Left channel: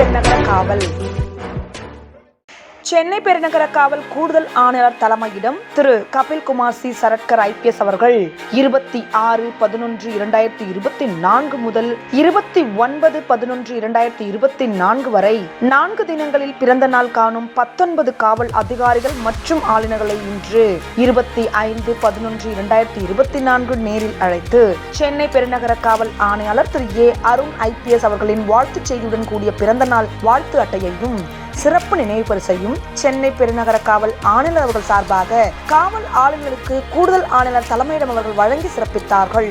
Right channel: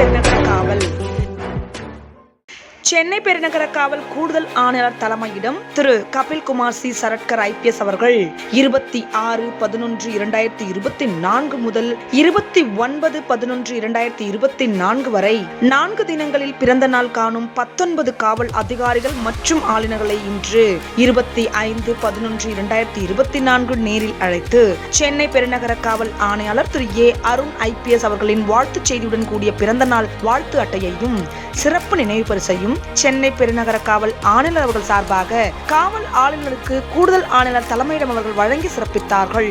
ఎక్కడ కావాలి சென்னை பெருநகர காவல் கூடுதல் ஆணையர் தலைமையிடம் திரு. கபில்குமார் சி. சரட்கர் ஐபிஎஸ் அவர்கள் இருபத்தி ஆறு பதினொன்று இரண்டாயிரத்தி இருபத்தி நான்கு முதல் இருபத்தி ஒன்பது பதினொன்று இரண்டாயிரத்தி இருபத்தி நான்கு வரை நான்கு தினங்களில் பிறந்த நாள் காணும் பத்தொன்பது காவல் அதிகாரிகள் மற்றும் ஆளுநர்களை இன்று இருபத்தி ஐந்து பதினொன்று இரண்டாயிரத்தி இருபத்தி நான்கு நேரில் அழைத்து சென்னை பெருநகர காவல் ஆணையாளர் திரு. ஏ. அருண் ஐபிஎஸ் அவர்களின் வாழ்த்துச் செய்தியுடன் கூடிய பிறந்த நாள் வாழ்த்து அட்டையையும் சிறப்பு நினைவு பரிசையும் சென்னை பெருநகர காவல் ஆணையர் அவர்கள் சார்பாக காவல் ஆளுநருக்கு கூடுதல் ஆணையர் தலைமையிடம் அவர்கள் வழங்கி சிறப்பித்தார்கள்.